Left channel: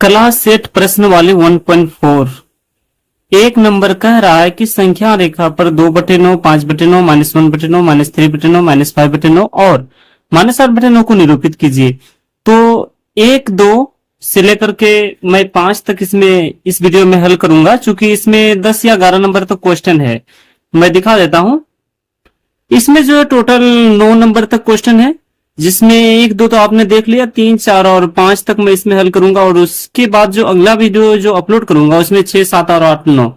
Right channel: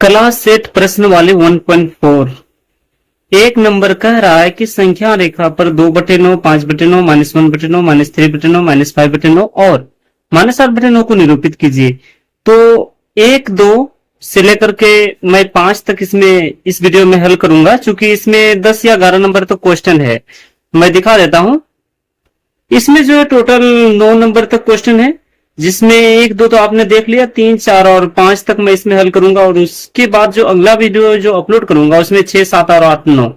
Class set प्रश्न वाले 1.4 एक नंबर कह रहा है कि संख्या रेखा पर 2/9, 5/9, -1/9, -3/9, -5/9 और -8/9 को निरूपित कीजिए। तो 1, 2 से लेकर के मैं 5 तक इसमें इस वीडियो में हल करूंगा, चूंकि इसमें 10 या 11 नंबर तक क्वेश्चन है। मैं दिखा देता हूं। इसमें जो है टोटल 9 नंबर तक क्वेश्चन है, जिसमें 1, 2 तो आपने देख लिया, 3, 4 और 5 तक मैं इसमें हल करूंगा। और उसके बाद जो अगला वीडियो जो अपलोड करूंगा उसमें 6, 7 और 8, 9।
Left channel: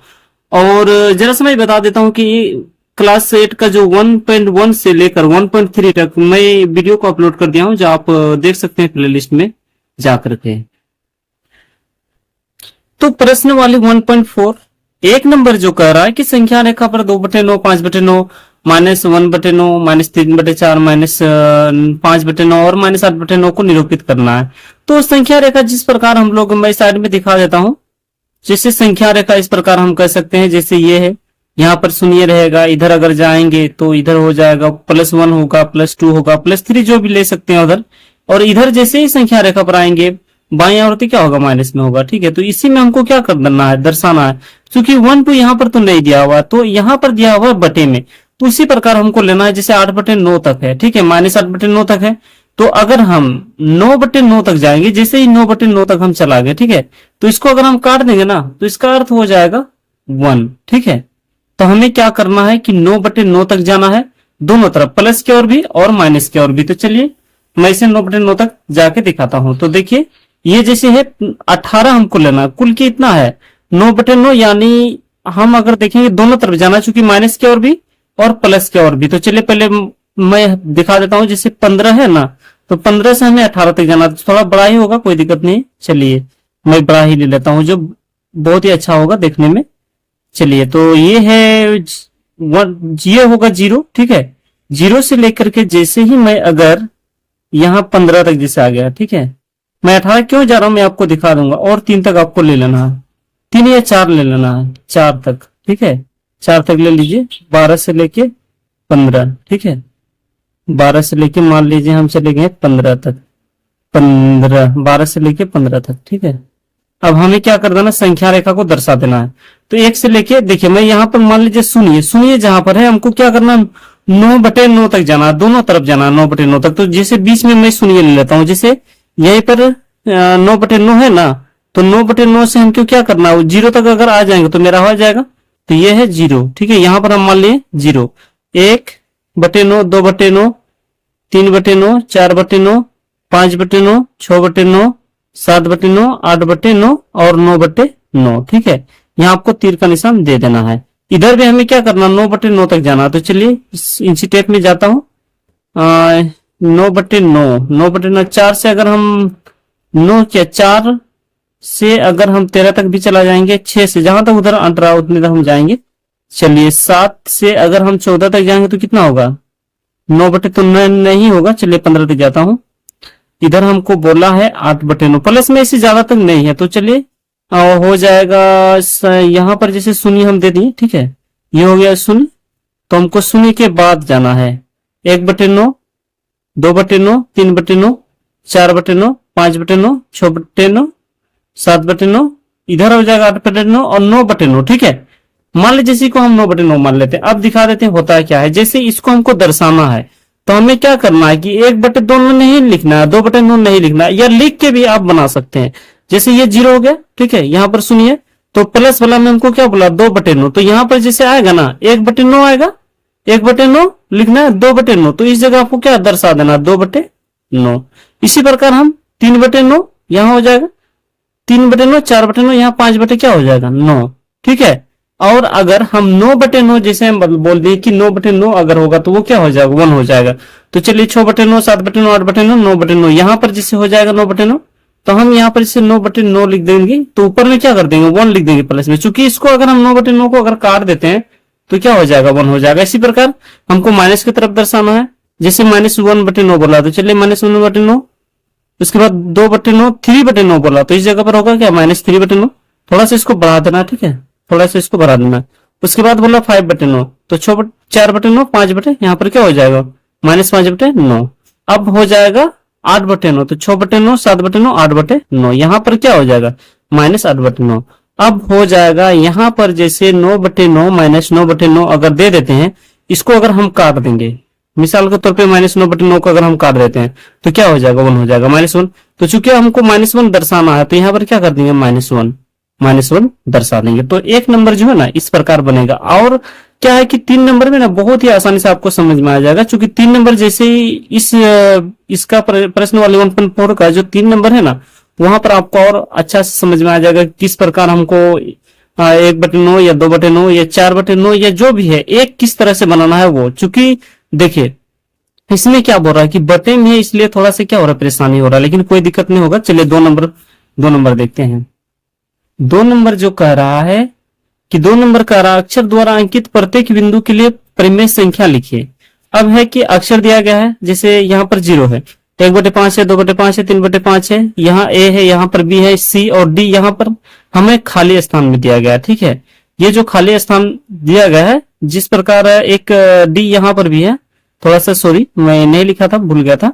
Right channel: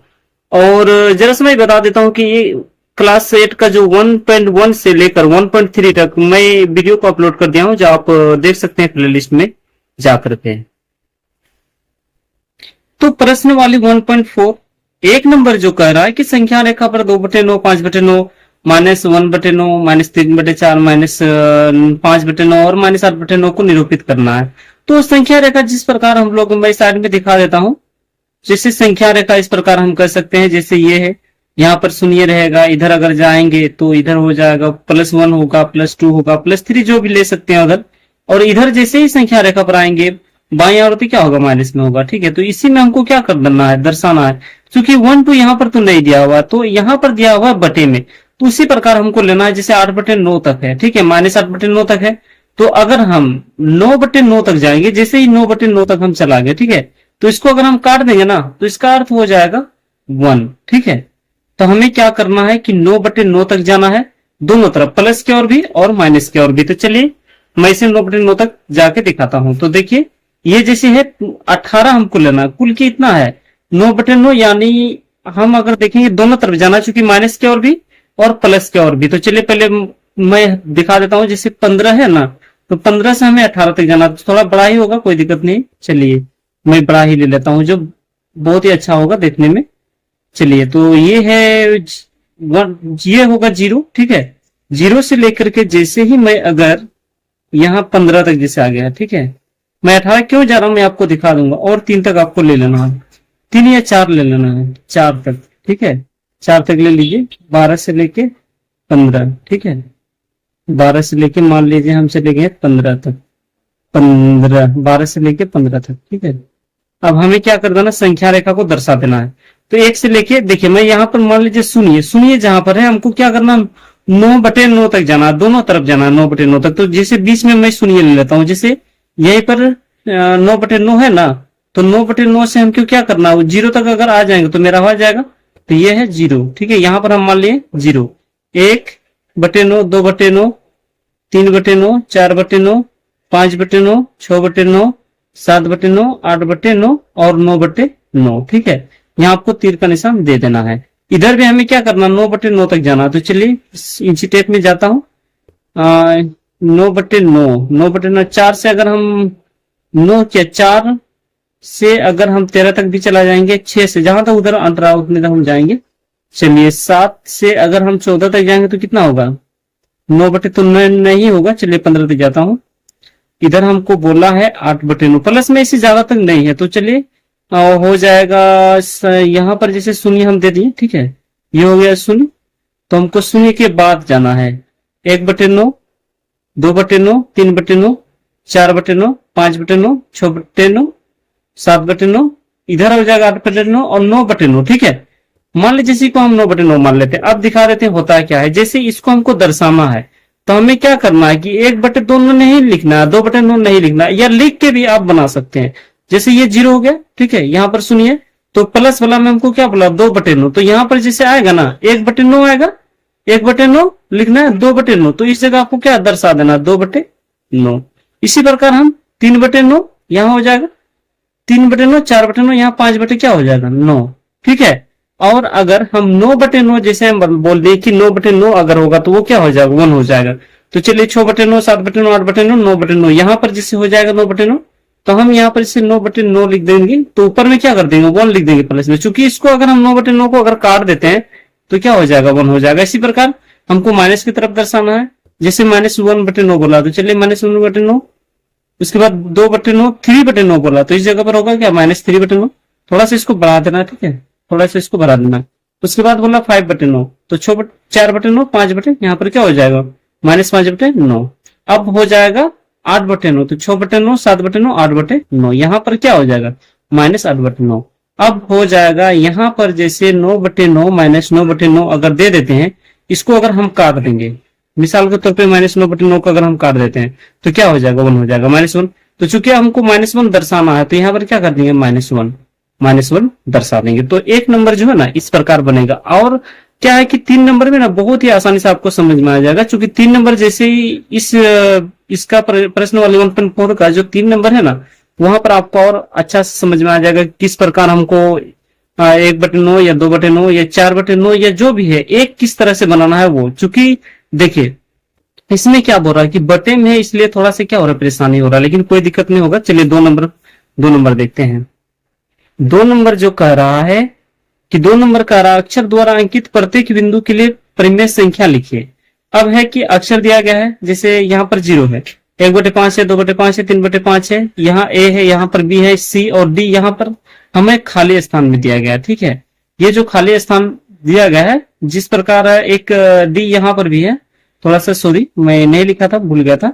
और जरा सा मैं बता देता हूं कि क्लास 8 का जो 1.1 से लेकर 1.3 तक मैं वीडियो को अपलोड कर दिया हूं, जो आप देख सकते हैं प्लेलिस्ट में जाकर के। तो प्रश्न वाली 1.4 एक नंबर जो कह रहा है कि संख्या रेखा पर 2/9, 5/9, -1/9, -3/4, -5/9 और -8/9 को निरूपित करना है। तो संख्या रेखा जिस प्रकार हम लोग, मैं साइड में दिखा देता हूं। जैसे संख्या रेखा इस प्रकार हम कर सकते हैं, जैसे ये है, यहाँ पर शून्य रहेगा, इधर अगर जाएंगे तो इधर हो जाएगा +1 होगा, +2 होगा, +3 जो भी ले सकते हैं उधर। और इधर जैसे ही संख्या रेखा पर आएंगे बाएं ओर तो क्या होगा, माइनस में होगा। ठीक है, तो इसी में हमको क्या करना है, दर्शाना है। क्योंकि 1 तो यहाँ पर तो नहीं दिया हुआ, तो यहाँ पर दिया हुआ बटे में, तो उसी प्रकार हमको लेना है। जैसे 8/9 तक है, ठीक है, -8/9 तक है। तो अगर हम 9/9 तक जाएंगे, जैसे ही 9/9 तक हम चला गए, ठीक है, तो इसको अगर हम काट देंगे ना, तो इसका अर्थ हो जाएगा 1। ठीक है, तो हमें क्या करना है कि 9/9 तक जाना है, दोनों तरफ, प्लस की ओर भी और माइनस की ओर भी। तो चलिए मैं इसे 9/9 तक जाके दिखाता हूं। तो देखिए, ये जैसे है 18 हमको लेना, कुल कितना है 9/9, यानी हम अगर देखेंगे दोनों तरफ जाना, चूंकि माइनस की ओर भी और प्लस की ओर भी। तो चलिए पहले मैं दिखा देता हूं। जैसे 15 है ना, तो 15 से हमें 18 तक जाना, तो थोड़ा बड़ा ही होगा, कोई दिक्कत नहीं। चलिए मैं बड़ा ही ले लेता हूं, जो बहुत ही अच्छा होगा देखने में। चलिए, तो ये है ये होगा 0। ठीक है, 0 से लेकर के जैसे ही मैं अगर यहाँ 15 तक जैसे आ गया, ठीक है, मैं 18 क्यों जा रहा हूं मैं आपको दिखा दूंगा। और 3 तक आपको ले लेना है, 3 या 4 ले लेना है, 4 तक। ठीक है, 4 तक ले लीजिए, 12 से लेके 15। ठीक है, 12 से लेके मान लीजिए हम चले गए 15 तक, 12 से लेके 15 तक। ठीक है, अब हमें क्या कर देना, संख्या रेखा को दर्शा देना है। तो 1 से लेके, देखिए मैं यहाँ पर मान लीजिए शून्य जहां पर है, हमको क्या करना, 9/9 तक जाना, दोनों तरफ जाना 9/9 तक। तो जैसे बीच में मैं शून्य ले लेता हूँ, जैसे यहीं पर 9/9 है ना, तो 9/9 से हमको क्या करना है, 0 तक अगर आ जाएंगे तो मेरा हो जाएगा। तो ये है 0। ठीक है, यहाँ पर हम मान लिए 0, 1/9, 2/9, 3/9, 4/9, 5/9, 6/9, 7/9, 8/9 और 9/9। ठीक है, यहाँ आपको तीर का निशान दे देना है। इधर भी हमें क्या करना, 9/9 तक जाना। तो चलिए इंची टेप में जाता हूँ। 9/9, 4 से अगर हम 9 किया, 4 से अगर हम 13 तक भी चला जाएंगे, 6 से जहां तक उधर अंट रहा उतने तक हम जाएंगे। चलिए 7 से अगर हम 14 तक जाएंगे तो कितना होगा, 9/, तो नहीं होगा। चलिए 15 तक जाता हूं। इधर हमको बोला है 8/9, प्लस में इससे ज्यादा तक नहीं है। तो चलिए हो जाएगा, यहाँ पर जैसे शून्य हम दे दिए। ठीक है, ये हो गया शून्य। तो हमको शून्य के बाद जाना है 1/9, 2/9, 3/9, 4/9, 5/9, 6/9, 7/9, इधर हो जाएगा 8/9 और 9/9। ठीक है, मान लीजिए इसी को हम 9/9 मान लेते हैं। अब दिखा देते हैं होता है क्या है। जैसे इसको हमको दर्शाना है, तो हमें क्या करना है कि 1/2 नहीं लिखना है, 2/9 नहीं लिखना है, या लिख के भी आप बना सकते हैं। जैसे ये 0 हो गया, ठीक है, यहाँ पर सुनिए, तो प्लस वाला में हमको क्या बोला, 2/9। तो यहाँ पर जैसे आएगा ना 1/9 आएगा, 1/9 लिखना है, 2/9, तो इस जगह आपको क्या दर्शा देना, 2/9। इसी प्रकार हम 3/9 यहाँ हो जाएगा, 3/9, 4/9, यहाँ 5 क्या हो जाएगा, 9। ठीक है, और अगर हम 9/9 जैसे हम बोल दें कि 9/9 अगर होगा तो वो क्या हो जाएगा, 1 हो जाएगा। तो चलिए 6/9, 7/9, 8/9, 9/9, यहाँ पर जैसे हो जाएगा 9/9, तो हम यहाँ पर जैसे 9/9 लिख देंगे, तो ऊपर में क्या कर देंगे, 1 लिख देंगे प्लस में। चूंकि इसको अगर हम 9/9 को अगर काट देते हैं तो क्या हो जाएगा, 1 हो जाएगा। इसी प्रकार हमको माइनस की तरफ दर्शाना है। जैसे -1/9 बोला, तो चलिए -1/9, उसके बाद 2/9, 3/9 बोला, तो इस जगह पर होगा क्या, -3/9। थोड़ा सा इसको बढ़ा देना, ठीक है, थोड़ा सा इसको बढ़ा देना। उसके बाद बोला 5/9, तो 4/9, 5/, यहाँ पर क्या हो जाएगा, -5/9। अब हो जाएगा 8/9, तो 6/9, 7/9, 8/9, यहाँ पर क्या हो जाएगा -8/9। अब हो जाएगा यहाँ पर जैसे 9/9 -9/9 अगर दे देते हैं, इसको अगर हम काट देंगे, मिसाल के तौर पे -9/9 को अगर हम काट देते हैं तो क्या हो जाएगा, 1 हो जाएगा, -1। तो चूंकि हमको -1 दर्शाना है तो यहाँ पर क्या कर देंगे, -1 दर्शा देंगे। तो एक नंबर जो है ना इस प्रकार बनेगा। और क्या है कि 3 नंबर में ना बहुत ही आसानी से आपको समझ में आ जाएगा, क्योंकि 3 नंबर जैसे ही इसका प्रश्न वाले 1.4 का जो 3 नंबर है ना, वहां पर आपको और अच्छा से समझ में आ जाएगा किस प्रकार हमको 1/9 या 2/9 या 4/9 या जो भी है एक किस तरह से बनाना है वो। चूंकि देखिए इसमें क्या बोल रहा है कि बटे में है, इसलिए थोड़ा सा क्या हो रहा है, परेशानी हो रहा है, लेकिन कोई दिक्कत नहीं होगा। चलिए 2 नंबर देखते हैं। 2 नंबर जो कह रहा है कि 2 नंबर कह रहा है अक्षर द्वारा अंकित प्रत्येक बिंदु के लिए परिमेय संख्या लिखिए। अब है कि अक्षर दिया गया है, जैसे यहाँ पर 0 है, 1/5 है, 2/5 है, 3/5 है, यहाँ A है, यहाँ पर B है, C और D यहाँ पर हमें खाली स्थान में दिया गया, ठीक है। ये जो खाली स्थान दिया गया है, जिस प्रकार एक D यहाँ पर भी है, थोड़ा सा सॉरी मैं नहीं लिखा था, भूल गया था।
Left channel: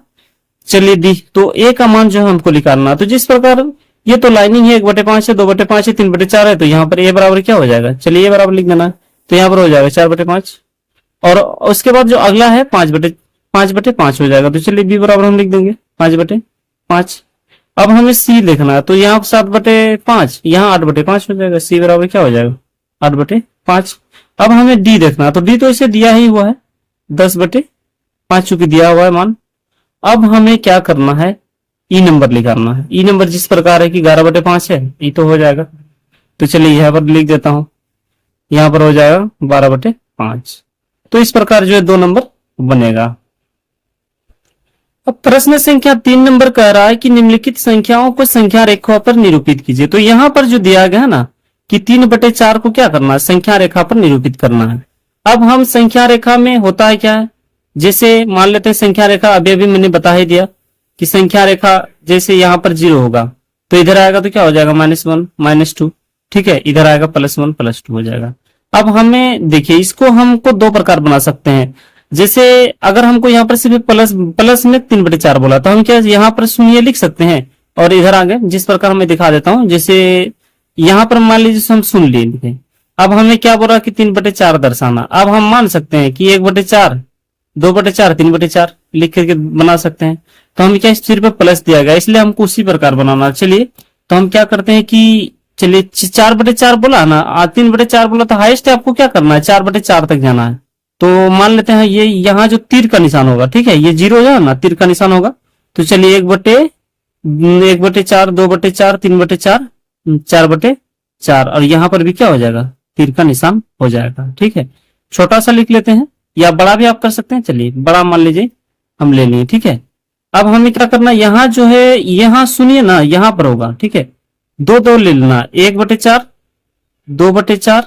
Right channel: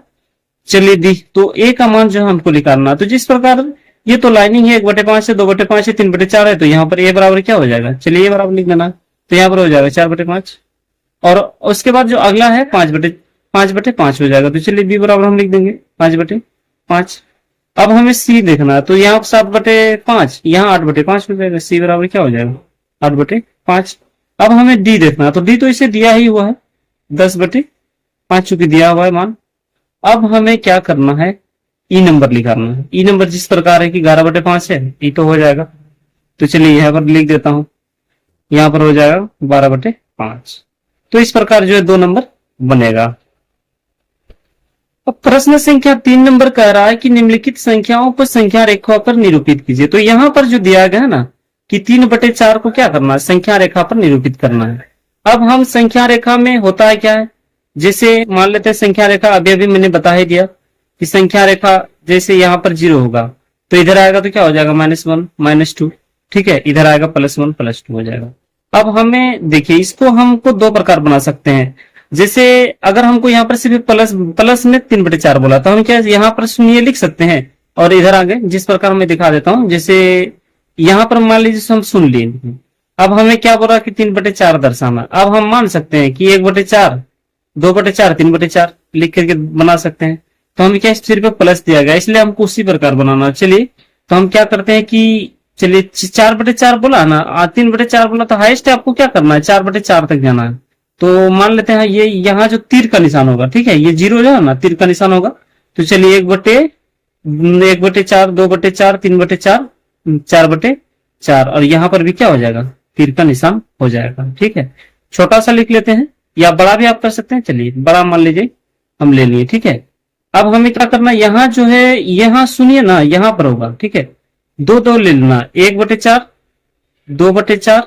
चलिए D, तो A का मान जो है हमको निकालना है। तो जिस प्रकार ये तो लाइनिंग है, 1/5 है, 2/5 है, 3/4 है, तो यहाँ पर A बराबर क्या हो जाएगा, चलिए A बराबर लिख देना, तो यहाँ पर हो जाएगा 4/5। और उसके बाद जो अगला है 5/5 हो जाएगा, तो चलिए B बराबर हम लिख देंगे 5/5। अब हमें C देखना है, तो यहाँ 7/5, यहाँ 8/5 हो जाएगा, C बराबर क्या हो जाएगा 8/5। अब हमें D देखना है, तो D तो इसे दिया ही हुआ है 10/5 चूंकि दिया हुआ है मान। अब हमें क्या करना है, ई नंबर निकालना है। ई नंबर जिस प्रकार है कि 11/5 है, ई तो हो जाएगा, तो चलिए यहाँ पर लिख देता हूं, यहाँ पर हो जाएगा 12/5। तो इस प्रकार जो है 2 नंबर बनेगा। अब प्रश्न संख्या 3 नंबर कह रहा है कि निम्नलिखित संख्याओं को संख्या रेखा पर निरूपित कीजिए। तो यहाँ पर जो दिया गया है ना कि 3/4 को क्या करना है, संख्या रेखा पर निरूपित करना है। अब हम संख्या रेखा में होता है क्या है, जैसे मान लेते हैं संख्या रेखा, अभी मैंने बता ही दिया कि संख्या रेखा जैसे यहाँ पर 0 होगा तो इधर आएगा तो क्या हो जाएगा -1 -2, ठीक है, इधर आएगा +1 +2 हो जाएगा। अब हमें देखिए इसको हमको 2 प्रकार बना सकते हैं। जैसे अगर हमको यहाँ पर सिर्फ प्लस में 3/4 बोला तो हम क्या यहाँ पर शून्य लिख सकते हैं, और इधर आगे जिस प्रकार मैं दिखा देता हूँ, जैसे यहाँ पर मान लीजिए हम सुन लिए, अब हमें क्या बोला कि 3/4 दर्शाना। अब हम मान सकते हैं कि 1/4, 2/4, 3/4 लिख करके बना सकते हैं। तो हम क्या, इस सिर पे प्लस दिया गया इसलिए हमको उसी प्रकार बनाना। चलिए तो हम क्या करते हैं कि चलिए 4/4 बोला ना, 3/4 बोला, तो हाईएस्ट आपको क्या करना है, 4/4 तक जाना है। तो मान लेते हैं ये यहाँ जो तीर का निशान होगा, ठीक है, ये 0 है ना, तीर का निशान होगा। तो चलिए 1/4, 2/4, 3/4, 4/4, और यहाँ पर भी क्या हो जाएगा, तीर का निशान हो जाएगा, ठीक है। छोटा सा लिख लेते हैं या बड़ा भी आप कर सकते हैं, चलिए बड़ा मान लीजिए हम ले लिए, ठीक है। अब हमें क्या करना, यहाँ जो है, यहाँ सुनिए ना, यहाँ पर होगा, ठीक है, 2 ले लेना, 1/4, 2/4,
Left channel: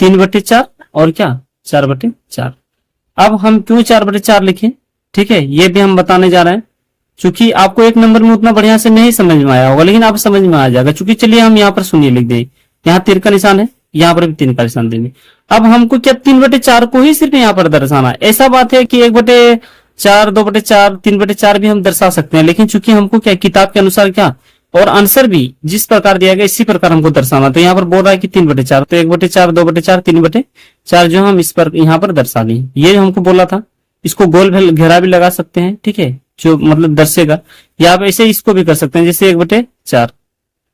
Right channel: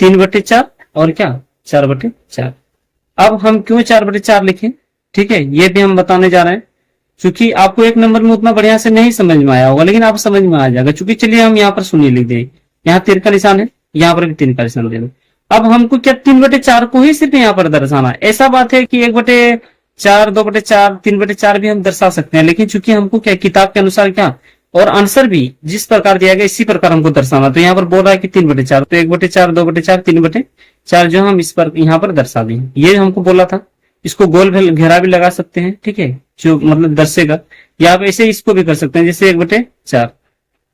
3/4 और क्या 4/4। अब हम क्यों 4/4 लिखे, ठीक है, ये भी हम बताने जा रहे हैं, क्योंकि आपको एक नंबर में उतना बढ़िया से नहीं समझ में आया होगा, लेकिन आप समझ में आ जाएगा। क्योंकि चलिए हम यहाँ पर शून्य लिख दें, यहाँ तीर का निशान है, यहाँ पर भी तीर का निशान देंगे। अब हमको क्या 3/4 को ही सिर्फ यहाँ पर दर्शाना है। ऐसा बात है कि 1/4, 2/4, 3/4 भी हम दर्शा सकते हैं, लेकिन चूंकि हमको क्या किताब के अनुसार क्या और आंसर भी जिस प्रकार दिया गया इसी प्रकार हमको दर्शाना। तो यहाँ पर बोल रहा है कि 3/4, तो 1/4, 2/4, 3/4 जो हम इस पर यहाँ पर दर्शा दें, ये हमको बोला था। इसको गोल घेरा भी लगा सकते हैं, ठीक है, जो मतलब दर्शेगा, या आप ऐसे इसको भी कर सकते हैं, जैसे 1/4,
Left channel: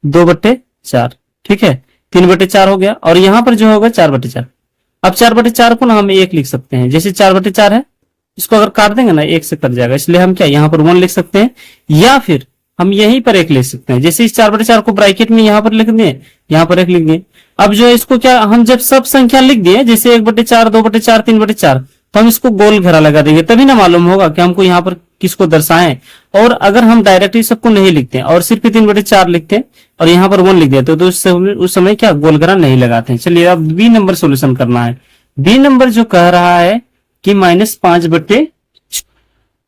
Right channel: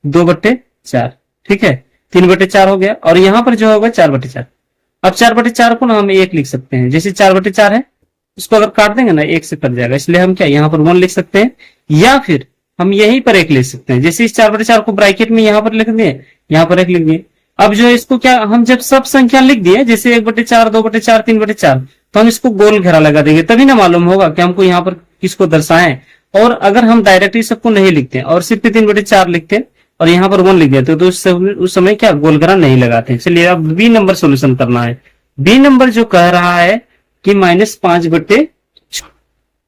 2/4, ठीक है, 3/4 हो गया, और यहाँ पर जो होगा 4/4। अब 4/4 को ना हम 1 लिख सकते हैं, जैसे 4/4 है, इसको अगर काट देंगे ना 1 से कट जाएगा, इसलिए हम क्या यहाँ पर 1 लिख सकते हैं, या फिर हम यहीं पर 1 लिख सकते हैं। जैसे इस 4/4 को ब्रैकेट में यहाँ पर लिख दिए, यहाँ पर 1 लिख दिए। अब जो है इसको क्या, हम जब सब संख्या लिख दिए, जैसे 1/4, 2/4, 3/4, तो हम इसको गोल घेरा लगा देंगे, तभी ना मालूम होगा कि हमको यहाँ पर किसको दर्शाएं। और अगर हम डायरेक्टली सबको नहीं लिखते और सिर्फ 3/4 लिखते और यहाँ पर 1 लिख देते, तो उस समय क्या गोल घेरा नहीं लगाते। चलिए अब बी नंबर सोल्यूशन करना है। बी नंबर जो कह रहा है कि -5/,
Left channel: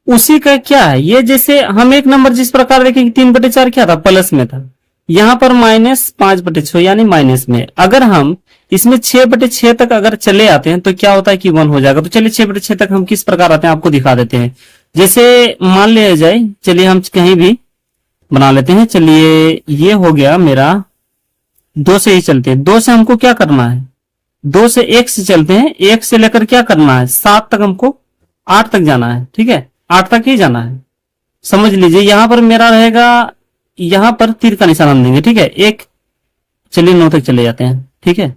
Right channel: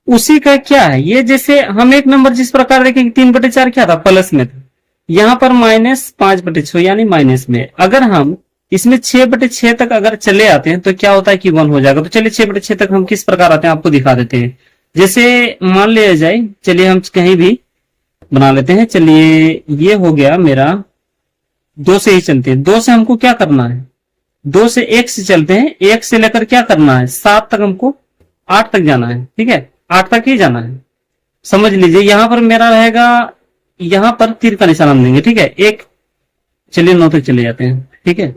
उसी का क्या है, ये जैसे हम एक नंबर जिस प्रकार देखें 3/4 क्या था, प्लस में था, यहाँ पर -5/6 यानी माइनस में। अगर हम इसमें 6/6 तक अगर चले आते हैं तो क्या होता है कि 1 हो जाएगा। तो चलिए 6/6 तक हम किस प्रकार आते हैं आपको दिखा देते हैं। जैसे मान लिया जाए, चलिए हम कहीं भी बना लेते हैं। चलिए ये हो गया मेरा, 2 से ही चलते हैं। 2 से हमको क्या करना है, 2 से 1 से चलते हैं। 1 से लेकर क्या करना है, 7 तक, हमको 8 तक जाना है। ठीक है, 8 तक ही जाना है। समझ लीजिए यहां पर मेरा रहेगा, यहां पर तीर का निशान हम देंगे। ठीक है, एक, चलिए 9 तक चले जाते हैं। ठीक है,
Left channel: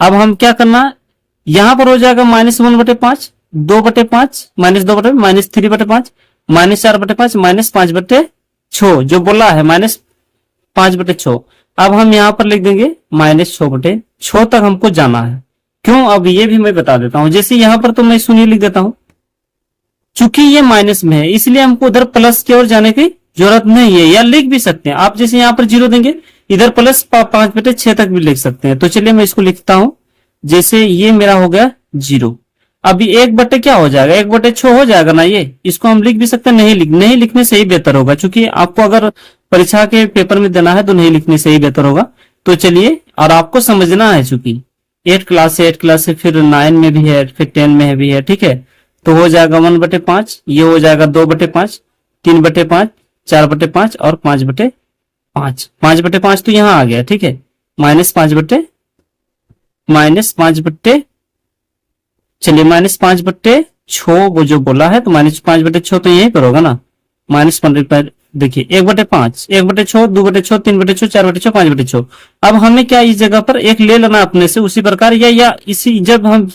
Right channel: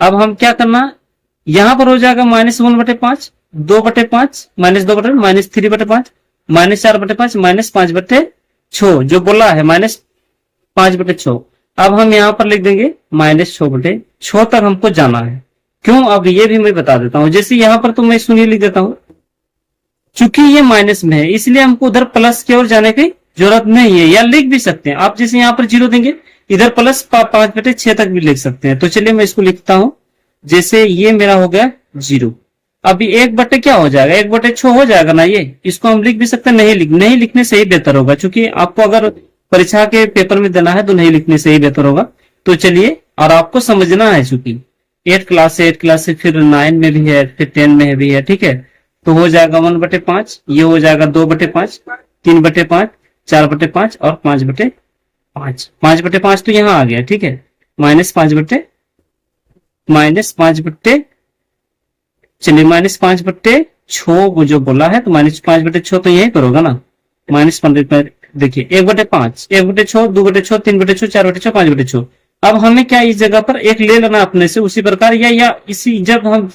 अब हम क्या करना, यहां पर हो जाएगा -1/5, 2/5, -2/, -3/5, -4/5, -5/6, जो बोला है -5/6। अब हम यहां पर लिख देंगे -6/6 तक हमको जाना है। क्यों, अब ये भी मैं बता देता हूं। जैसे यहां पर तो मैं शून्य लिख देता हूं, चूंकि ये माइनस में है इसलिए हमको उधर प्लस की ओर जाने की जरूरत नहीं है, या लिख भी सकते हैं आप। जैसे यहाँ पर 0 देंगे, इधर प्लस 5/6 तक भी लिख सकते हैं। तो चलिए मैं इसको लिखता हूं। जैसे ये मेरा हो गया 0, अभी 1/, क्या हो जाएगा, 1/6 हो जाएगा ना। ये इसको हम लिख भी सकते हैं, नहीं लिखने से ही बेहतर होगा, क्योंकि आपको अगर परीक्षा के पेपर में देना है तो नहीं लिखने से ही बेहतर होगा। तो चलिए, और आपको समझना है, चूंकि 8 क्लास से फिर 9 में भी है, फिर 10 में भी है। ठीक है, तो हो जाएगा 1/5, ये हो जाएगा 2/5, 3/5, 4/5 और 5/5। 5/5 तो यहाँ आ गया। ठीक है, -5/, चलिए -5/6 वो जो बोला है, तो -5/6 तो यही पर होगा ना। -5, देखिए 1/5, 1/6, 2/6, 3/6, 4/6, 5/6। अब हमें क्या इस जगह पर एक ले लेना अपने से, उसी प्रकार, या इसी जब हम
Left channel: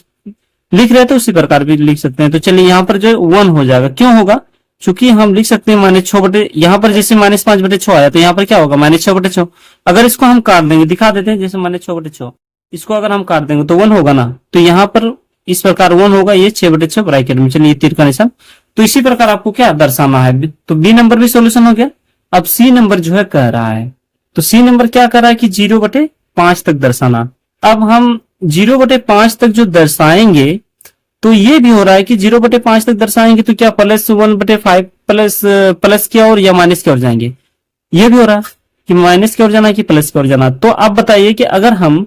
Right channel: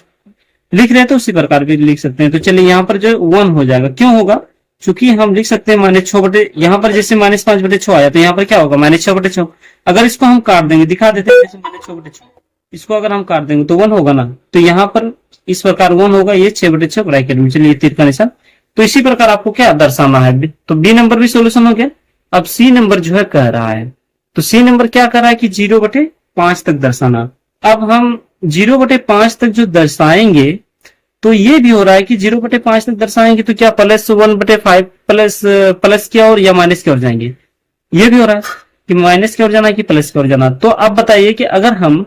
लिख रहे हैं तो उसी प्रकार भी लिख सकते हैं। तो चलिए यहाँ पर जो 1 हो जाएगा, क्यों होगा, चूंकि हम लिख सकते हैं -6 यहाँ पर जैसे -5/6 आया, तो यहाँ पर क्या होगा, -6/6। अगर इसको हम काट देंगे, दिखा देते हैं, जैसे -6/6 इसको अगर हम काट देंगे तो 1 होगा ना। तो यहाँ पर इस प्रकार 1 होगा, ये 6/6 ब्रैकेट में, चलिए तीर का निशान। तो इसी प्रकार आपको क्या दर्शाना है। तो बी नंबर भी सोल्यूशन हो गया। अब सी नंबर जो है कह रहा है, तो सी नंबर क्या कह रहा है कि 0/5 तक दर्शाना। अब हम 0/5 तक जो दर्शाएंगे, तो ये भी हो रहा है कि 0/5 तक दर्शाएंगे तो क्या +1/5 प्लस की ओर या माइनस की ओर जाएंगे। ये भी हो रहा है कि माइनस की ओर जाना है कि प्लस की ओर जाना। तो आप बताइए कि अगर हम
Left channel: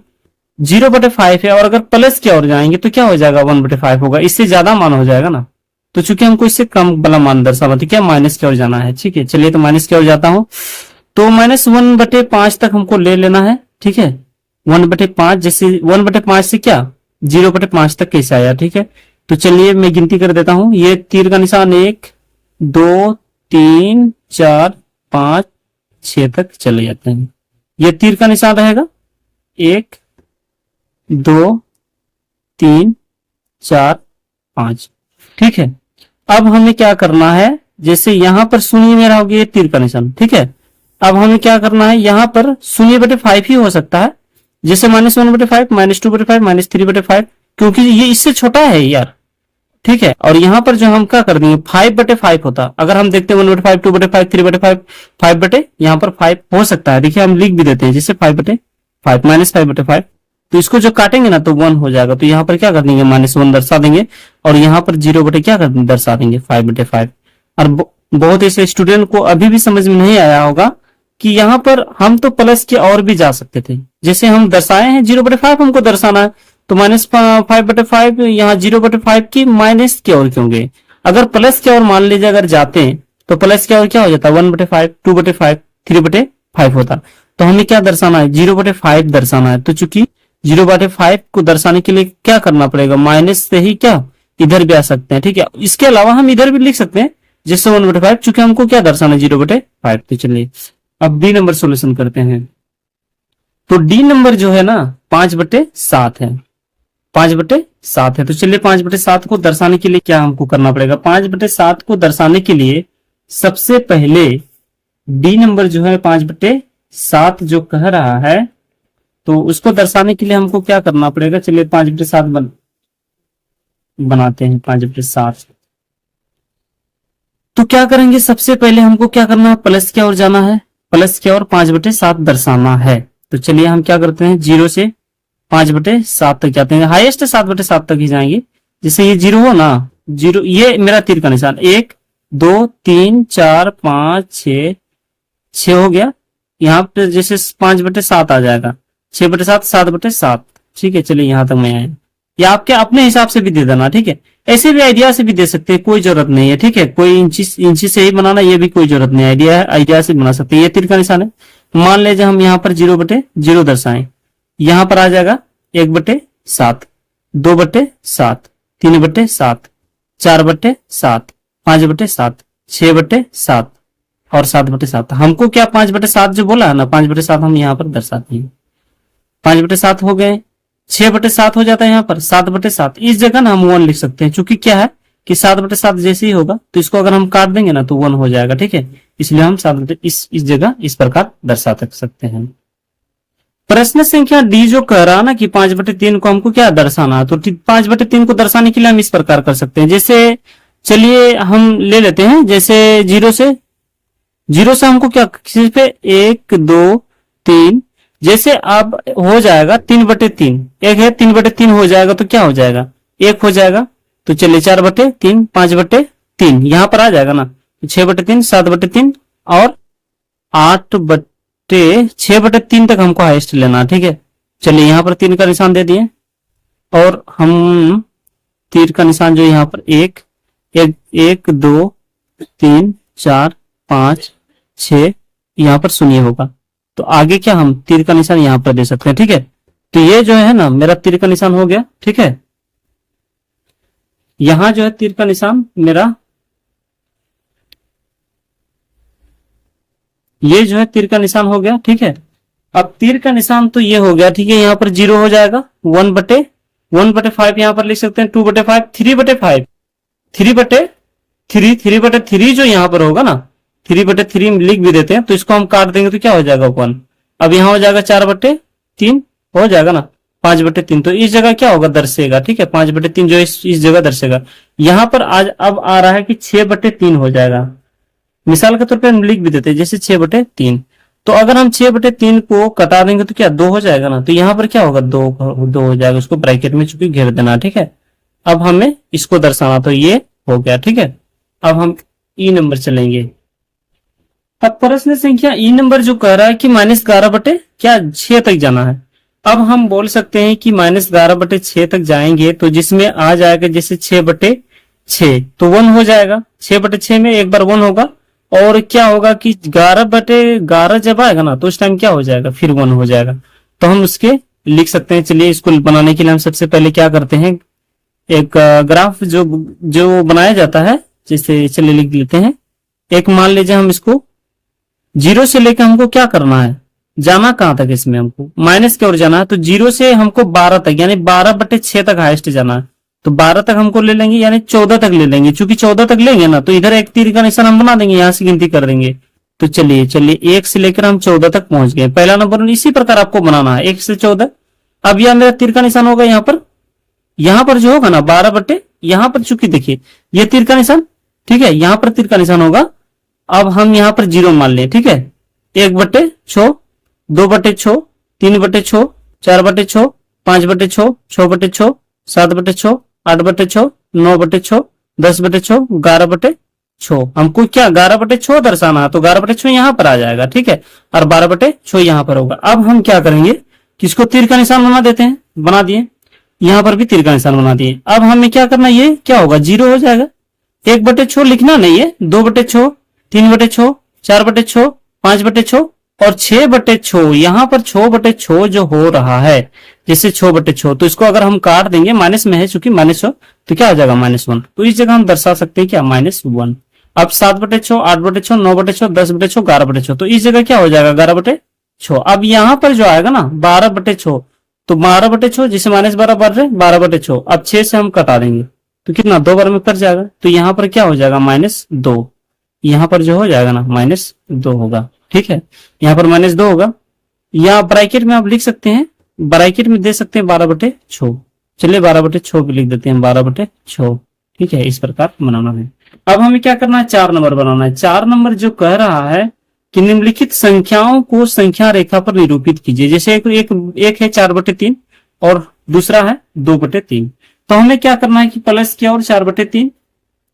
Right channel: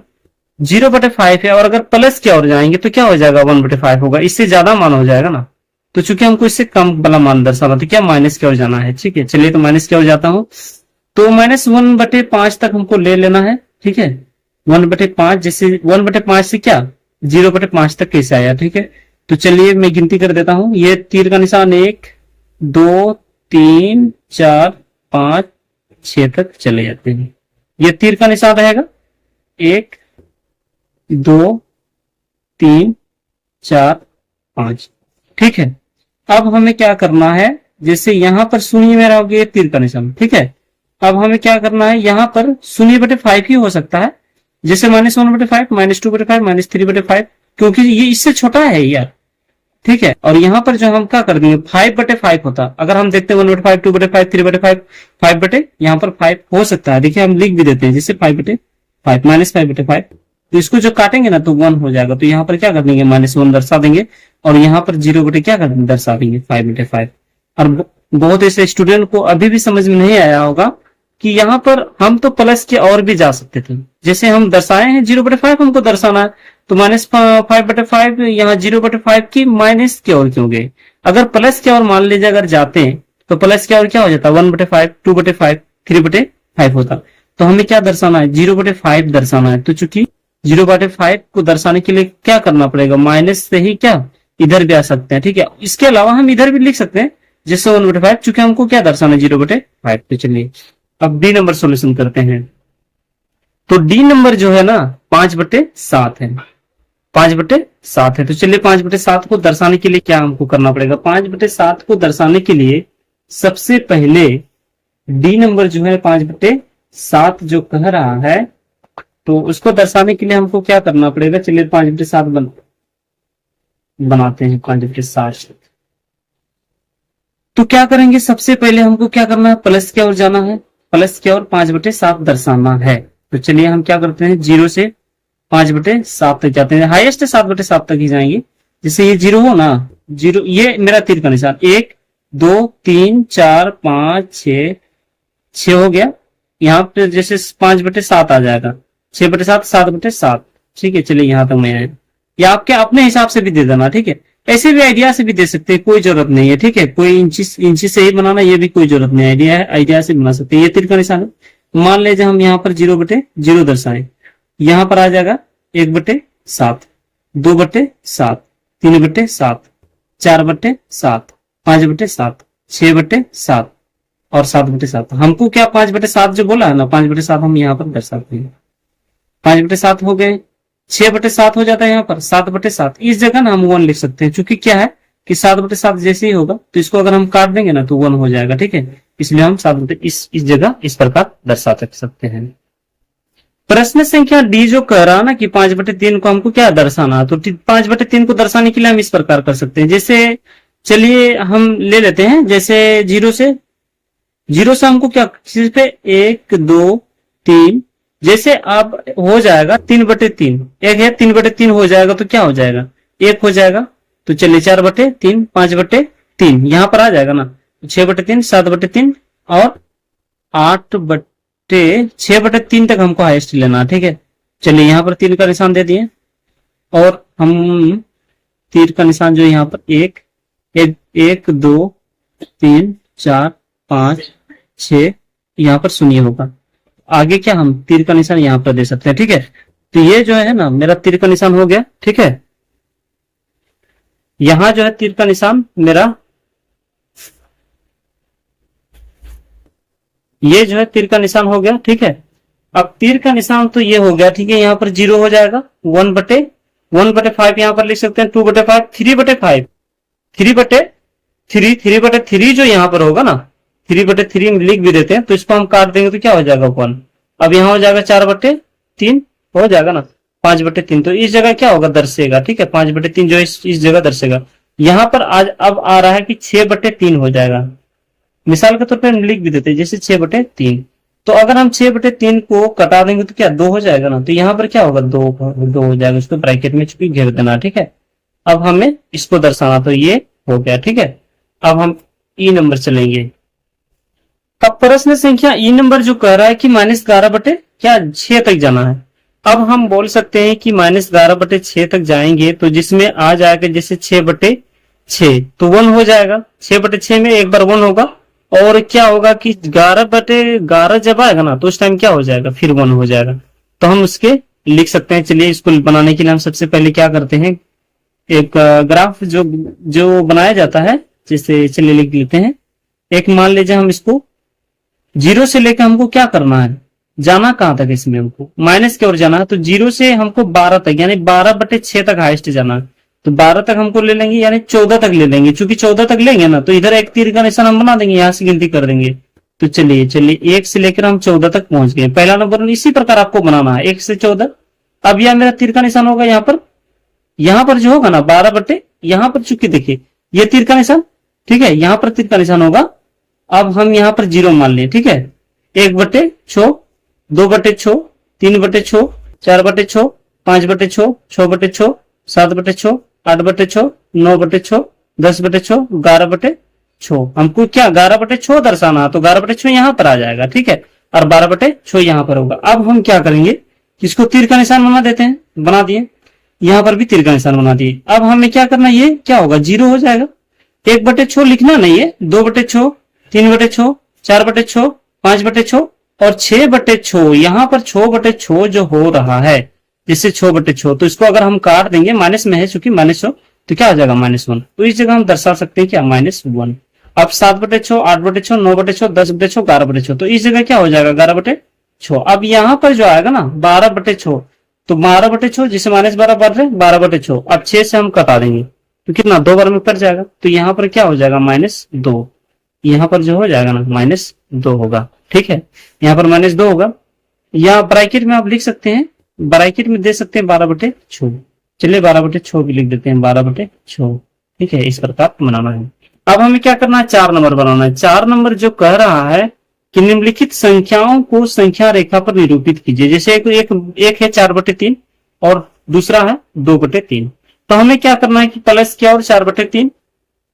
0/5 है और अगर प्लस की ओर जाएंगे तो क्या हो जाएगा, 1/5 होगा। इससे ज्यादा मान हो जाएगा ना। तो चूंकि हमको इससे कम वाला मान दर्शाना, तो क्या माइनस की ओर जाना है। ठीक है, चलिए तो माइनस की ओर जाता हूं। तो -1/5 तक हमको ले लेना है। ठीक है, 1/5, जैसे 1/5 से क्या 0/5 तक कैसे आया। ठीक है, तो चलिए मैं गिनती कर देता हूं। ये तीर का निशान 1, 2, 3, 4, 5, 6 तक चले जाते हैं। ये तीर का निशान रहेगा 1, 2, 3, 4, 5। ठीक है, अब हमें क्या करना है, जैसे यहां पर 0 में रहोगे, ये तीर का निशान। ठीक है, अब हमें क्या करना है, यहां पर 0/5 ही हो सकता है, जैसे -1/5, -2/5, -3/5, क्योंकि ये इससे छोटा है यार। ठीक है, और यहां पर जो हम क्या कर देंगे, 5/5 होता। अगर हम देखते हैं 1/5, 2/5, 3/5, 5 यहाँ पर 5 हो सकता है। देखिए हम लिख भी देते हैं, जैसे 5/5, -5/5। तो इसको जो काटेंगे ना तो 1 हो जाएगा। तो यहाँ पर क्या कर देंगे, -1 दर्शा देंगे, और यहाँ पर 0 क्या कर दर्शा देंगे, 5/5। और बहुत ऐसे स्टूडेंट को अभी भी समझ में नहीं आया होगा कि यहाँ पर हम तो प्लस के और भी जा सकते थे। जैसे हम दर्शाए हैं 0/5 हमको दर्शाना है, तो -5/5 यहाँ 0/5 की माइनस की ओर क्यों गए। अगर प्लस की ओर मान लीजिए अगर जाते हैं तो प्लस की ओर क्या हो जाता है, 1/5, 2/5, 3/5 होता। तो हमें क्या दर्शाना है, 0/5 दर्शाना है। तो चूंकि 0/5 को दर्शाने के लिए क्या करना पड़ेगा, माइनस से ही क्या इधर भी आ सकते हैं। ठीक है, इसके अलावा हम इधर भी लिख सकते हैं, जैसे 1/5, चूंकि हमको क्या दर्शाना है, 0/5। तो चलिए अब डी नंबर सोल्यूशन करते हैं। तो डी नंबर जो है ना 5/7 है, 5/7 है। तो चलिए 5/7 को दर्शाने के लिए क्या हमको करना पड़ेगा, 5/7 को दर्शाने के लिए सबसे पहले डी नंबर जो है 5/7 जो कह रहा है, तो उसको दर्शाने के लिए हमको क्या करना पड़ेगा। चलिए 5/7 बनाते हैं, 5/7। तो क्या करेंगे, सबसे पहले हमको क्या करना है, प्लस की ओर जाना है, प्लस की ओर 5/7 दर्शाना है। तो चलिए हम क्या करते हैं, 0 से 5/7 तक जाते हैं, हाईएस्ट 7/7 तक ही जाएंगे। जैसे ये 0 हो ना, 0, ये मेरा तीर का निशान, 1, 2, 3, 4, 5, 6 हो गया। यहाँ पे जैसे 5/7 आ जाएगा, 6/7, 7/7। ठीक है, चलिए यहां तक मैं आया, या आपके अपने हिसाब से भी दे देना। ठीक है, ऐसे भी आइडिया से भी दे सकते हैं, कोई जरूरत नहीं है, ठीक है। कोई इंची से ही बनाना, ये भी कोई जरूरत नहीं, आइडिया है, आइडिया से बना सकते हैं। ये तीर का निशान है। मान लीजिए हम यहाँ पर 0/0 दर्शाएं, यहाँ पर आ जाएगा 1/7, 2/7, 3/7, 4/7, 5/7, 6/7 और 7/7। हमको क्या 5/7 जो बोला है ना, 5/7 हम यहाँ पर दर्शाते हैं। 5/7 हो गए, 6/7 हो जाता है यहाँ पर, 7/7। इस जगह ना हम 1 लिख सकते हैं, चूंकि क्या है कि 7/7 जैसे ही होगा तो इसको अगर हम काट देंगे ना तो 1 हो जाएगा, ठीक है। इसलिए हम 7 इस जगह इस प्रकार दर्शा सकते हैं। प्रश्न संख्या डी जो कह रहा ना कि 5/3 को हमको क्या दर्शाना है, तो 5/3 को दर्शाने के लिए हम इस प्रकार कर सकते हैं। जैसे चलिए हम ले लेते हैं, जैसे 0 से हमको क्या सिर्फ 1 2 3, जैसे अब हो जाएगा 3/3, एक है 3/3 हो जाएगा तो क्या हो जाएगा, 1 हो जाएगा। तो चलिए 4/3, 5/3 यहां पर आ जाएगा ना, 6/3, 7/3 और 6/3 तक हमको हाईएस्ट लेना है, ठीक है। चलिए यहाँ पर 3 का निशान दे दिए और हम तीर का निशान जो यहाँ पर 1 2 3 4 5 6 यहाँ पर 0 होगा। तो आगे क्या हम तीर का निशान यहाँ पर दे सकते हैं, ठीक है। तो ये जो है ना मेरा तीर का निशान हो गया, ठीक है। यहां जो है तीर का निशान मेरा, ये जो है तीर का निशान हो गया, ठीक है। अब तीर का निशान तो ये हो गया, ठीक है। यहाँ पर 0 हो जाएगा, 1/5 यहाँ पर लिख सकते हैं, 2/5, 3/5, 3/3 जो यहाँ पर होगा ना, 3/3 लिख भी देते हैं, तो इसको हम काट देंगे तो क्या हो जाएगा 1। अब यहाँ हो जाएगा 4/3 हो जाएगा ना, 5/3। तो इस जगह क्या होगा, दर्शेगा, ठीक है। 5/3 जो इस जगह दर्शेगा। यहाँ पर आज अब आ रहा है कि 6/3 हो जाएगा। मिसाल के तौर पर हम लिख भी देते हैं, जैसे 6/3। तो अगर हम 6/3 को कटा देंगे तो क्या 2 हो जाएगा ना, तो यहाँ पर क्या होगा 2 हो जाएगा, उसको ब्रैकेट में चूंकि घेर देना, ठीक है। अब हमें इसको दर्शाना, तो ये हो गया, ठीक है। अब हम ई नंबर चलेंगे। अब प्रश्न संख्या ई नंबर जो कह रहा है कि -11/6 तक जाना है। अब हम बोल सकते हैं कि -11/6 तक जाएंगे तो जिसमें आ जाएगा जैसे 6/6 तो 1 हो जाएगा। 6/6 में एक बार 1 होगा और क्या होगा कि 11/11 जब आएगा ना तो उस टाइम क्या हो जाएगा, फिर 1 हो जाएगा। तो हम उसके लिख सकते हैं। चलिए इसको बनाने के लिए हम सबसे पहले क्या करते हैं, एक ग्राफ जो बनाया जाता है, जैसे चलिए लिख लेते हैं। एक मान लीजिए हम इसको 0 से लेकर हमको क्या करना है, जाना कहां तक, इसमें हमको माइनस की ओर जाना है। तो 0 से हमको 12 तक यानी 12/6 तक हाईएस्ट जाना है। तो 12 तक हमको ले लेंगे यानी 14 तक ले लेंगे। चूंकि 14 तक लेंगे ना तो इधर एक तीर का निशान हम बना देंगे, यहां से गिनती कर देंगे। तो चलिए 1 से लेकर हम 14 तक पहुंच गए। पहला नंबर इसी प्रकार आपको बनाना है, 1 से 14। अब यह मेरा तीर का निशान होगा यहाँ पर जो होगा ना 12 यहाँ पर चूंकि देखिए ये तीर का निशान, ठीक है, यहाँ पर तीर का निशान होगा। अब हम यहाँ पर 0 मान लें, ठीक है। 1/6, 2/6, 3/6, 4/6, 5/6, 6/6, 7/6, 8/6, 9/6, 10/6, 11/6। हमको क्या 11/6 दर्शाना है, तो 11/6 यहाँ पर आ जाएगा, ठीक है। और 12/6 यहाँ पर होगा। अब हम क्या करेंगे, किसको तीर का निशान बना देते हैं, बना दिए। यहाँ पर भी तीर का निशान बना दिए। अब हमें क्या करना, ये क्या होगा 0 हो जाएगा। 1/6 लिखना नहीं है, 2/6, 3/6, 4/6, 5/6 और 6/6। यहाँ पर 6/6 जो हो रहा है, जैसे 6/6, तो इसको अगर हम काट देंगे, माइनस में है चूंकि माइनस हो, तो क्या आ जाएगा -1। तो इस जगह हम दर्शा सकते हैं क्या -1। अब 7/6, 8/6, 9/6, 10/6, 11/6, तो इस जगह क्या हो जाएगा 11/6। अब यहाँ पर जो आएगा ना 12/6, तो 12/6 जिसे -12 बढ़ रहे 12/6। अब 6 से हम कटा देंगे तो कितना 2 बार में कट जाएगा। तो यहाँ पर क्या हो जाएगा -2। यहाँ पर जो हो जाएगा ना -2 होगा, ठीक है। यहाँ पर -2 होगा। या ब्रैकेट में आप लिख सकते हैं, ब्रैकेट में दे सकते हैं 12/6। चलिए 12/6 भी लिख देते हैं, 12/6, ठीक है। इस प्रकार बनाना है। अब हमें क्या करना है, 4 नंबर बनाना है। 4 नंबर जो कह रहा है कि निम्नलिखित संख्याओं को संख्या रेखा पर निरूपित कीजिए। जैसे एक है 4/3 और दूसरा है 2/3। तो हमें क्या करना है कि प्लस की और 4/3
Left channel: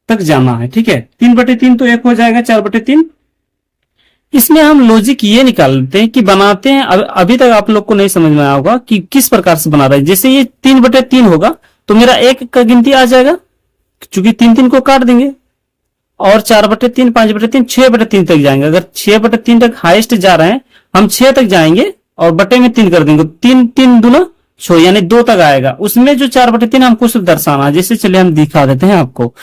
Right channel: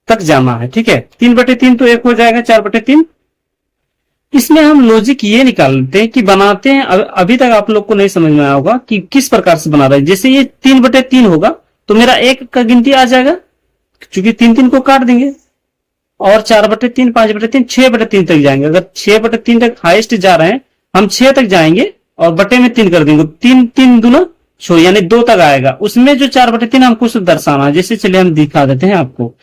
तक जाना है, ठीक है। 3/3 तो 1 हो जाएगा, 4/3। इसमें हम लॉजिक ये निकालते हैं कि बनाते हैं, अभी तक आप लोग को नहीं समझ में आया होगा कि किस प्रकार से बना रहे हैं। जैसे ये 3/3 होगा तो मेरा 1 का गिनती आ जाएगा, चूंकि 3 3 को काट देंगे और 4/3 5/3 6/3 तक जाएंगे। अगर 6/3 तक हाईएस्ट जा रहे हैं, हम 6 तक जाएंगे और बटे में 3 कर देंगे, 3 3 दूना 6 यानी 2 तक आएगा। उसमें जो 4/3 हमको सिर्फ दर्शाना है। जैसे चलिए हम दिखा देते हैं आपको।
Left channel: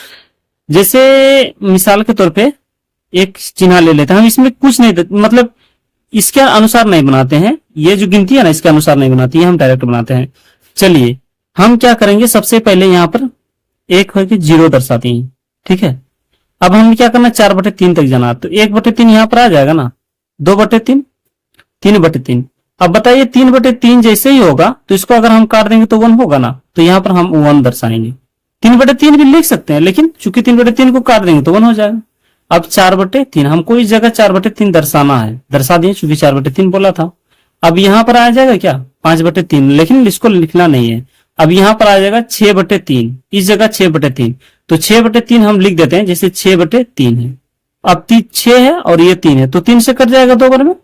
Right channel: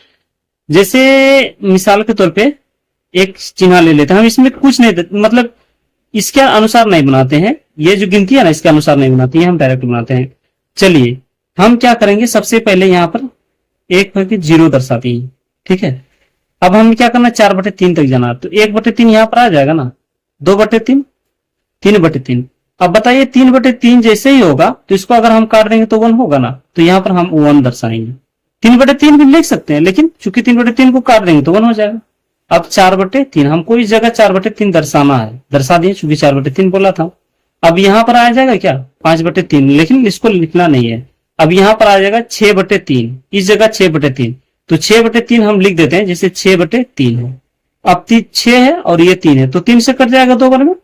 जैसे मिसाल के तौर पे एक चिन्ह ले लेते हैं। हम इसमें कुछ नहीं मतलब इसके अनुसार नहीं बनाते हैं, ये जो गिनती है ना इसके अनुसार नहीं बनाती है, हम डायरेक्ट बनाते हैं। चलिए हम क्या करेंगे, सबसे पहले यहाँ पर एक है कि 0 दर्शाती है, ठीक है। अब हमें क्या करना, 4/3 तक जाना, तो 1/3 यहाँ पर आ जाएगा ना, 2/3 3/3। अब बताइए 3/3 जैसे ही होगा तो इसको अगर हम काट देंगे तो 1 होगा ना, तो यहाँ पर हम 1 दर्शाएंगे। 3/3 भी लिख सकते हैं, लेकिन चूंकि 3/3 को काट देंगे तो 1 हो जाएगा। अब 4/3 हमको इस जगह 4/3 दर्शाना है, दर्शा दिए चूंकि 4/3 बोला था। अब यहाँ पर आ जाएगा क्या 5/3, लेकिन इसको लिखना नहीं है। अब यहाँ पर आ जाएगा 6/3, इस जगह 6/3, तो 6/3 हम लिख देते हैं, जैसे 6/3 है। अब 6 है और ये 3 है, तो 3 से कट जाएगा 2 बार में,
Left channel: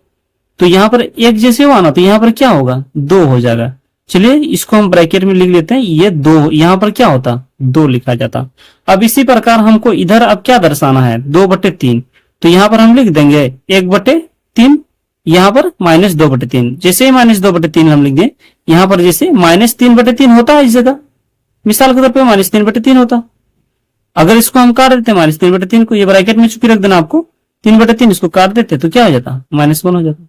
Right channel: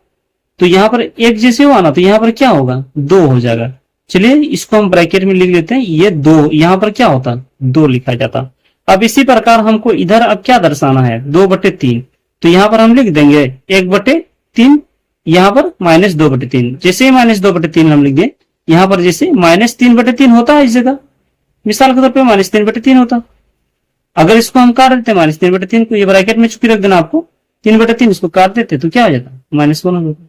तो यहाँ पर 1 जैसे हुआ ना, तो यहाँ पर क्या होगा 2 हो जाएगा। चलिए इसको हम ब्रैकेट में लिख लेते हैं, ये 2, यहाँ पर क्या होता 2 लिखा जाता। अब इसी प्रकार हमको इधर अब क्या दर्शाना है 2/3, तो यहाँ पर हम लिख देंगे 1/3, यहाँ पर -2/3। जैसे ही -2/3 हम लिख दें, यहाँ पर जैसे -3/3 होता है इस जगह, मिसाल के तौर पर -3/3 होता। अगर इसको हम काट देते -3/3 को, ये ब्रैकेट में चुकी रख देना आपको, 3/3 इसको काट देते तो क्या हो जाता -1 हो जाता।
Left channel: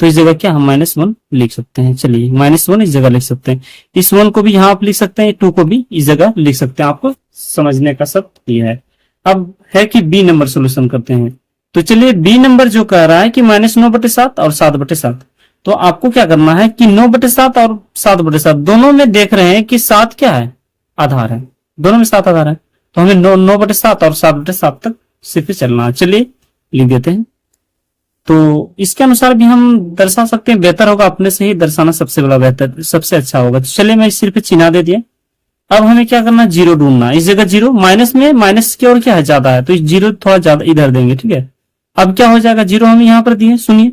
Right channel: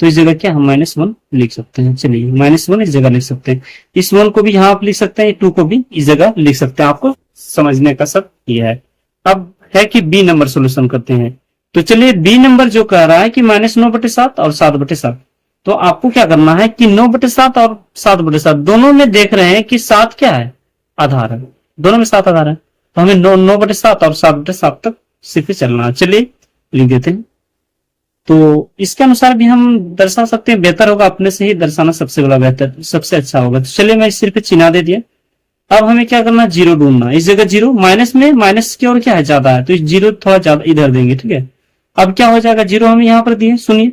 तो इस जगह क्या हम -1 लिख सकते हैं। चलिए -1 इस जगह लिख सकते हैं, इस 1 को भी यहाँ आप लिख सकते हैं, 2 को भी इस जगह लिख सकते हैं। आपको समझने का सब ये है। अब है कि बी नंबर सोल्यूशन करते हैं। तो चलिए बी नंबर जो कह रहा है कि -9/7 और 7/7, तो आपको क्या करना है कि 9/7 और 7/7 दोनों में देख रहे हैं कि 7 क्या है आधार है, दोनों में 7 आधार है, तो हमें 9/7 और 7/7 तक सिर्फ चलना है। चलिए लिख देते हैं। तो इसके अनुसार भी हम दर्शा सकते हैं, बेहतर होगा अपने से ही दर्शाना, सबसे बड़ा बेहतर सबसे अच्छा होगा। तो चलिए मैं सिर्फ चिन्ह दे दिया। अब हमें क्या करना, 0 ढूंढना। इस जगह 0 माइनस में, माइनस की और क्या है ज्यादा है, तो 0 थोड़ा ज्यादा इधर देंगे, ठीक है। अब क्या हो जाएगा, 0 हम यहाँ पर दिए, सुनिए।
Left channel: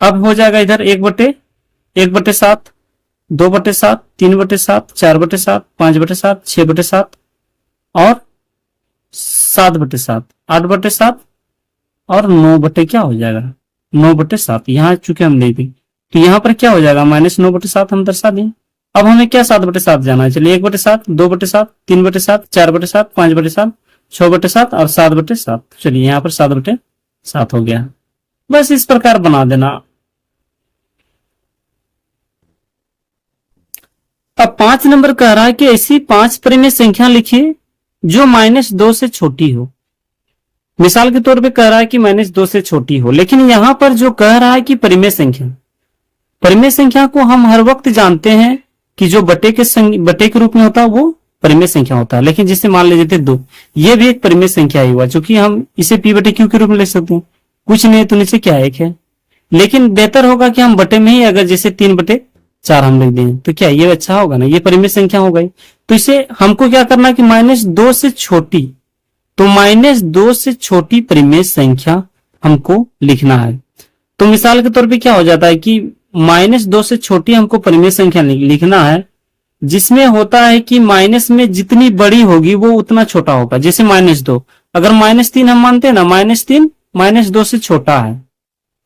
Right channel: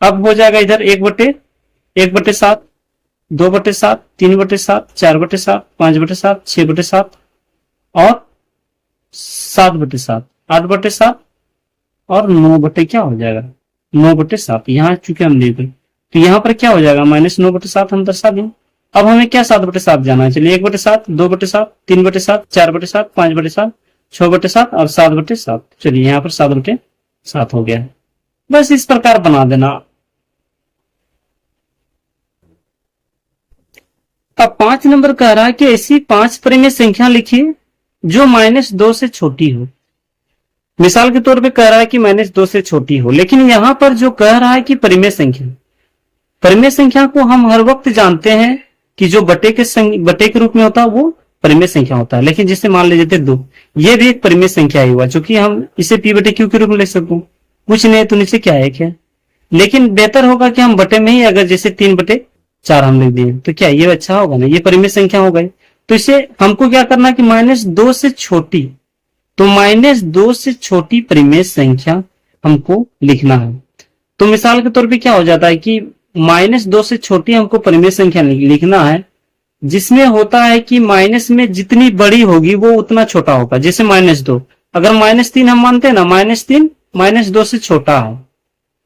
अब हो जाएगा इधर 1/7, 2/7, 3/7, 4/7, 5/7, 6/7 और 7/7, 8/7 और 9 क्या हो जाएगा 9/7। यहाँ चूंकि हम देख तो यहाँ पर क्या हो जाएगा -9/7 हम दर्शा दें। अब हमें क्या 7/7 जाना है। चलिए 1/7, 2/7, 3/7, 4/7, 5/7, 6/7 और 7/7। चलिए यहाँ पर 7/7 हो गया। बस इस प्रकार बना देना। अब 5 नंबर कह रहा है कि ऐसी 5 परिमेय संख्या लिखिए जो -2 से छोटी हो। मिसाल के तौर पे कह रहा है कि -2 से छोटी हो, लेकिन यहां पर जो कह रहा है कि परिमेय संख्या को हम हर वक्त जानते हैं कि जो बटे के रूप में होता है वो परिमेय संख्या होता है। लेकिन जिससे मान लीजिए 2, ये भी एक परिमेय संख्या ही हुआ, क्योंकि हम इसे p/q के रूप में लिख सकते हैं। कुछ नहीं तो नीचे क्या है, लेकिन बेहतर होगा कि हम बटे में ही अगर जैसे 3/4 हम लिख दें तो क्या ये अच्छा होगा ना, ये परिमेय संख्या हो गई। तो इसे हमको क्या करना कि -2 से छोटी, तो -2 से छोटी परिमेय संख्या हमको लिखना है। तो मिसाल के तौर पे क्या हो जाता है कि -2 से छोटी हमको परिमेय संख्या लिखना है, जिसमें होता है कि माइनस में जितनी बड़ी होगी वो उतना छोटा होगा। जैसे -2, अगर -3 हम मानते हैं ना, -3 -2 से छोटा है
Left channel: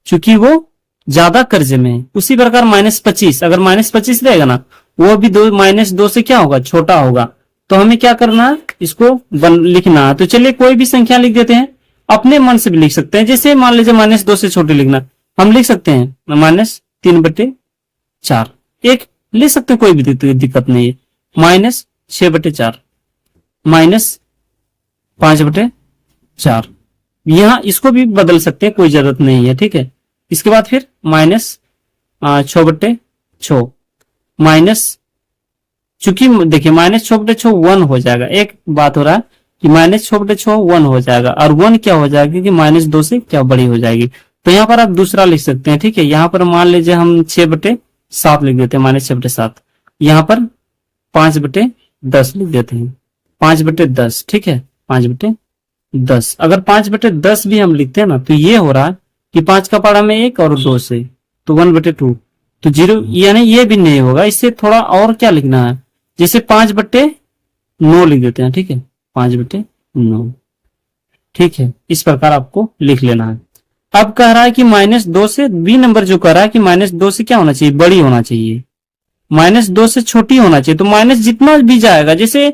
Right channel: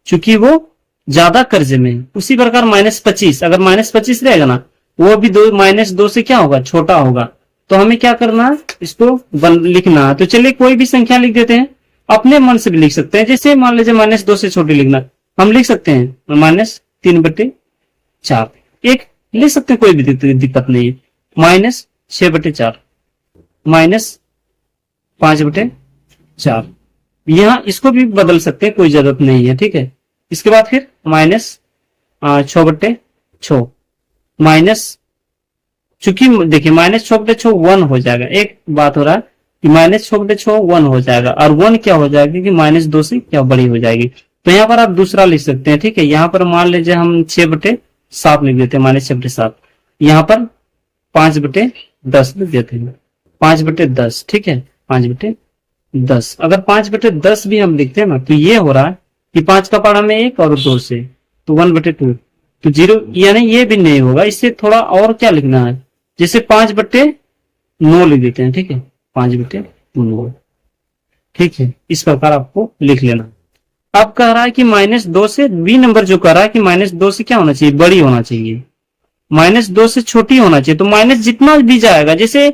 क्योंकि वो ज्यादा कर्जे में है। उसी प्रकार -25, अगर -25 रहेगा ना, वो भी -2 से क्या होगा छोटा होगा। तो हमें क्या करना है, इसको लिखना है। तो चलिए कोई भी संख्या लिख देते हैं, अपने मन से भी लिख सकते हैं। जैसे मान लीजिए -2 से छोटी लिखना, हम लिख सकते हैं -3/4, एक लिख सकते हैं, कोई भी दिक्कत नहीं है। -6/4, -5/4, यहाँ इसको भी बदल सकते हैं, कोई जरूरत नहीं है, ठीक है। इसके बाद फिर -6/6, माइनस, चूंकि देखिए -6/6 1 हो जाएगा। एक बात हो रहा है कि -6/6 1 हो जाएगा, और 1 क्या हो जाएगा कि -2 से क्या बड़ी हो जाएगी। तो यहाँ पर आप दूसरा लिख सकते हैं, ठीक है। यहाँ पर मान लीजिए हम 6/7 लिख देते हैं, -6/7। यहाँ पर 5/10 लिख देते हैं, 5/10, ठीक है, 5/10। अगर 5/10 भी हम लिखते हैं ना, तो ये हो रहा है कि 5 का पारा में 1 और 2 से, तो 1/2, तो 0, यानी ये भी नहीं होगा। इससे थोड़ा और क्या लिखना है, जैसे 5/9 लिख देते हैं, ठीक है। 5/9। ठीक है, इस प्रकार आपको लिख लेना है। अब कह रहा है कि -2 से, बी नंबर जो कह रहा है कि -2 से क्या होना चाहिए, बड़ी होना चाहिए, -2 से छोटी होना चाहिए। तो माइनस जितना भी जाएगा, जैसे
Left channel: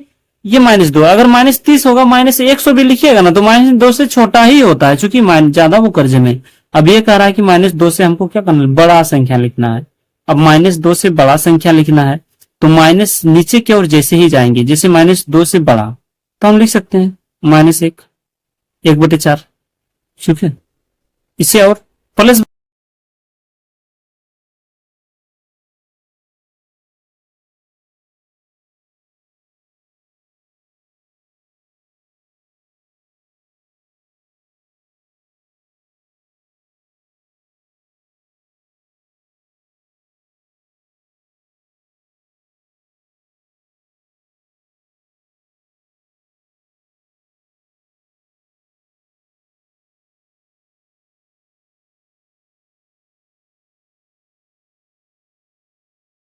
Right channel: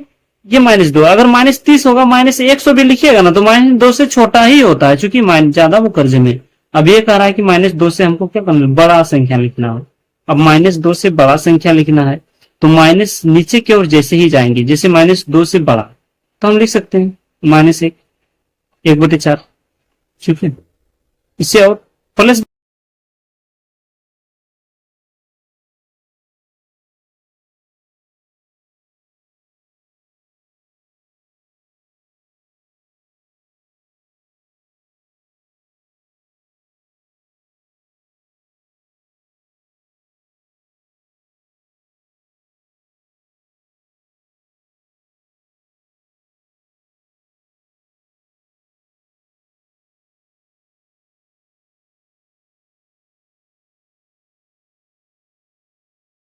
ये -2, अगर -30 होगा, -100 भी लिखिएगा ना तो -2 से छोटा ही होता है, क्योंकि ज्यादा वो कर्जे में। अब ये कह रहा है कि -2 से हमको क्या करना है, बड़ा संख्या लिखना है। अब -2 से बड़ा संख्या लिखना है तो माइनस नीचे की ओर जैसे ही जाएंगे, जैसे -2 से बड़ा, तो हम लिख सकते हैं -1, 1/4। ठीक है, इससे और प्लस